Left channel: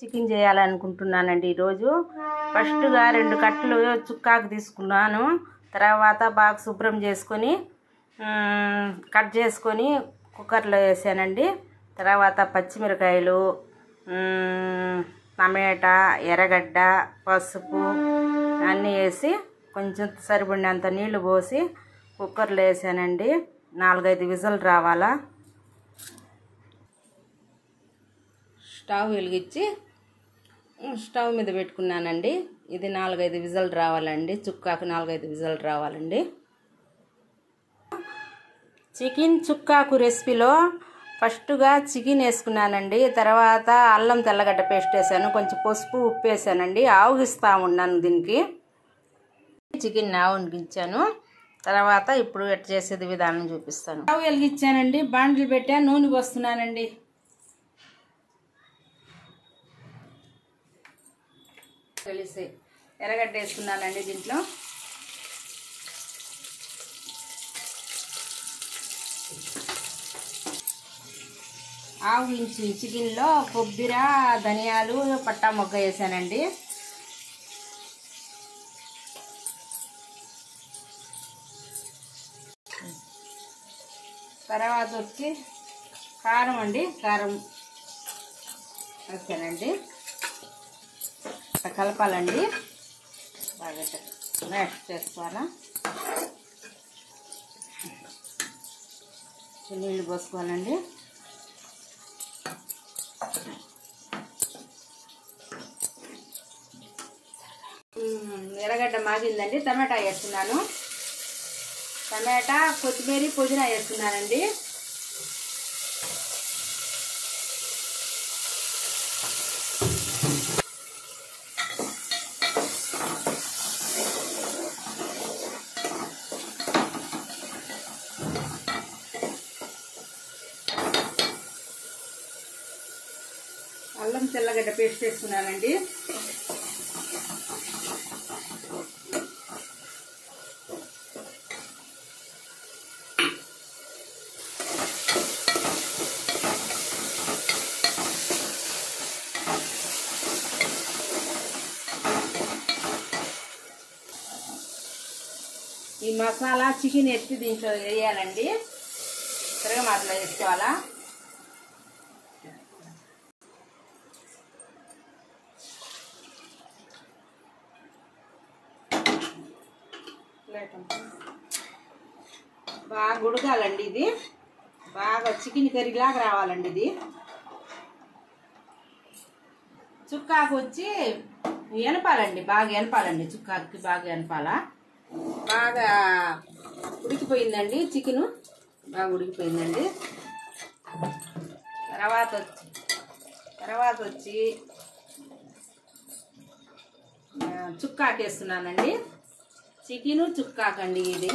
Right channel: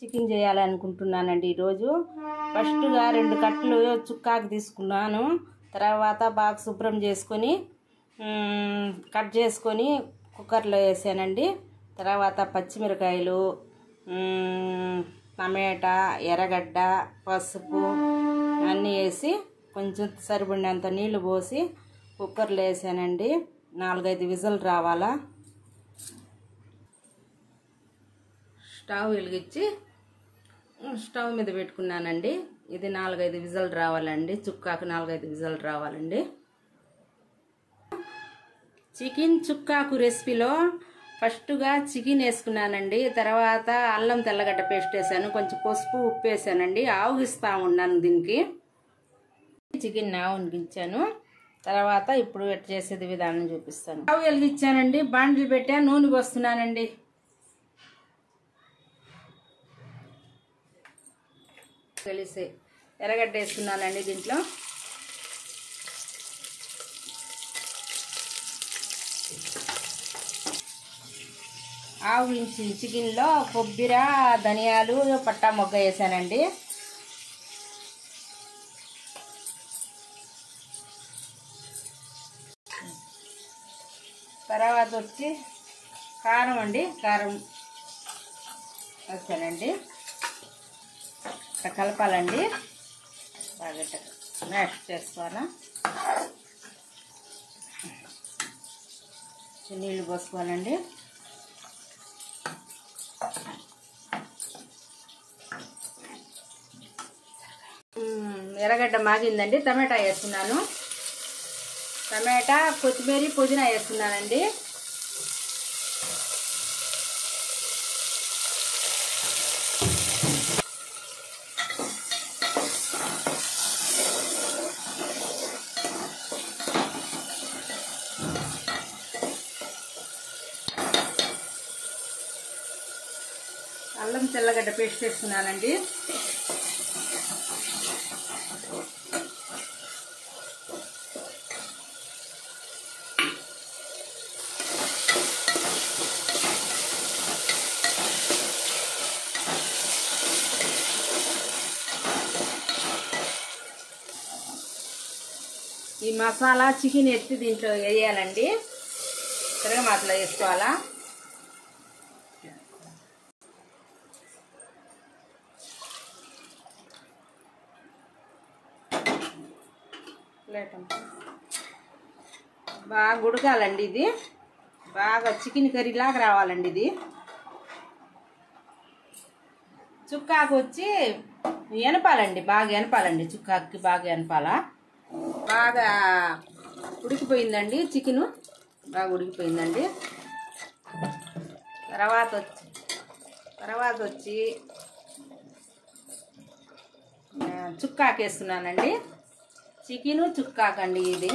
Chicken చేయాలనుకుంటున్నానండి ఈరోజు. ఫస్ట్గా 2 కట్టలు చుక్కాకు తీసుకున్నాను. తర్వాత బాగా శుభ్రం చేసుకొని కట్ చేసుకొని కుక్కర్లో వేసానండి. తర్వాత పచ్చిమిరకాయలు, టమాటా, ఎర్రగడ్డ, పసుపు అన్నీ వేసి కొంచెం సరిపడినంత నీళ్లు పోసి కుక్కర్లో వేసానండి. 4-5 విజిల్ రావాలా. స్టవ్ వెలిగించి స్టవ్ మీద పెట్టుకున్నానండి. ఇది 4-5 విజిల్ రావాలండి. చుక్కాకు 4-5 విజిల్ రావాలండి. చికెన్ చుక్కాకు రెసిపీలో ఫస్ట్గా చికెన్ వేసుకున్నానండి. తర్వాత అల్లం తెల్లగడ్డ పేస్ట్ వేసాను, కొంచెం పసుపు, ఉప్పు వేసానండి. ఆవగిస్తా ఉన్నాను దీనికి. చికెన్ ఆవగించాను. తర్వాత ఇప్పుడు ఎట్లా చేసేది విధానం చూపిస్తాను. స్టవ్ వెలిగించానండి, బాండిల్ పెట్టా, నూనె పోస్తున్నానండి. తెలిసే ఎర్రగడ్డ వేసుకున్నానండి దీంట్లో. ఆవించి చికెన్లో కొబ్బరి, ధనియాలు, పట్టా మొగ్గ వేసానండి. తర్వాత వచ్చి కారం అండి, కారం వేసానండి. కలపాలండి, బాగా మ్యాష్ చేసుకోవాలా. నీళ్ళు పోసుకోవాలండి. ఎర్రగడ్డ మాగిందండి. టమాటా వేస్తున్నాను. టమాటా, కొత్తిమీర, పుదీనా వేస్తున్నానండి. అల్లం తెల్లగడ్డ పేస్ట్ వేస్తున్నానండి. ఈ మసాలా చికెన్ ఎత్తి దీంట్లో వేయాలండి. తిరగమాతలో వేసుకోవాలా. బాగా ఉడకాలండి. ఇది బాగా చికెన్ కర్రీలాగా రావాలండి. ఇది చుక్కాకు వచ్చి ఎనపాలండి, బాగా ఎనపాలండి. చుక్కాకి బాగా ఎనపాలా. బాగా ఉడికిపోయిందండి చికెను, బాగా ఉడికిపోయిందండి. తర్వాత వచ్చి చుక్కాకు వేస్తున్నానండి. చికెను చుక్కాకండి ఇది.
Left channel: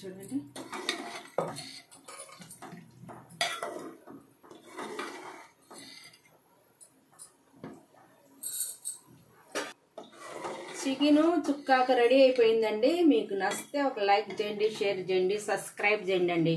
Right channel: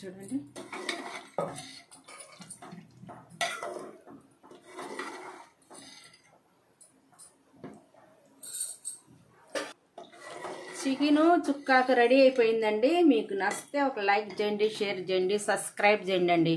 చూడండి, చికెను చుక్కాకు రెడీ అయిపోయిందండి. మీకు నచ్చితే ఒక లైక్ చేయండి, షేర్ చేయండి, సబ్స్క్రైబ్ చేయండి.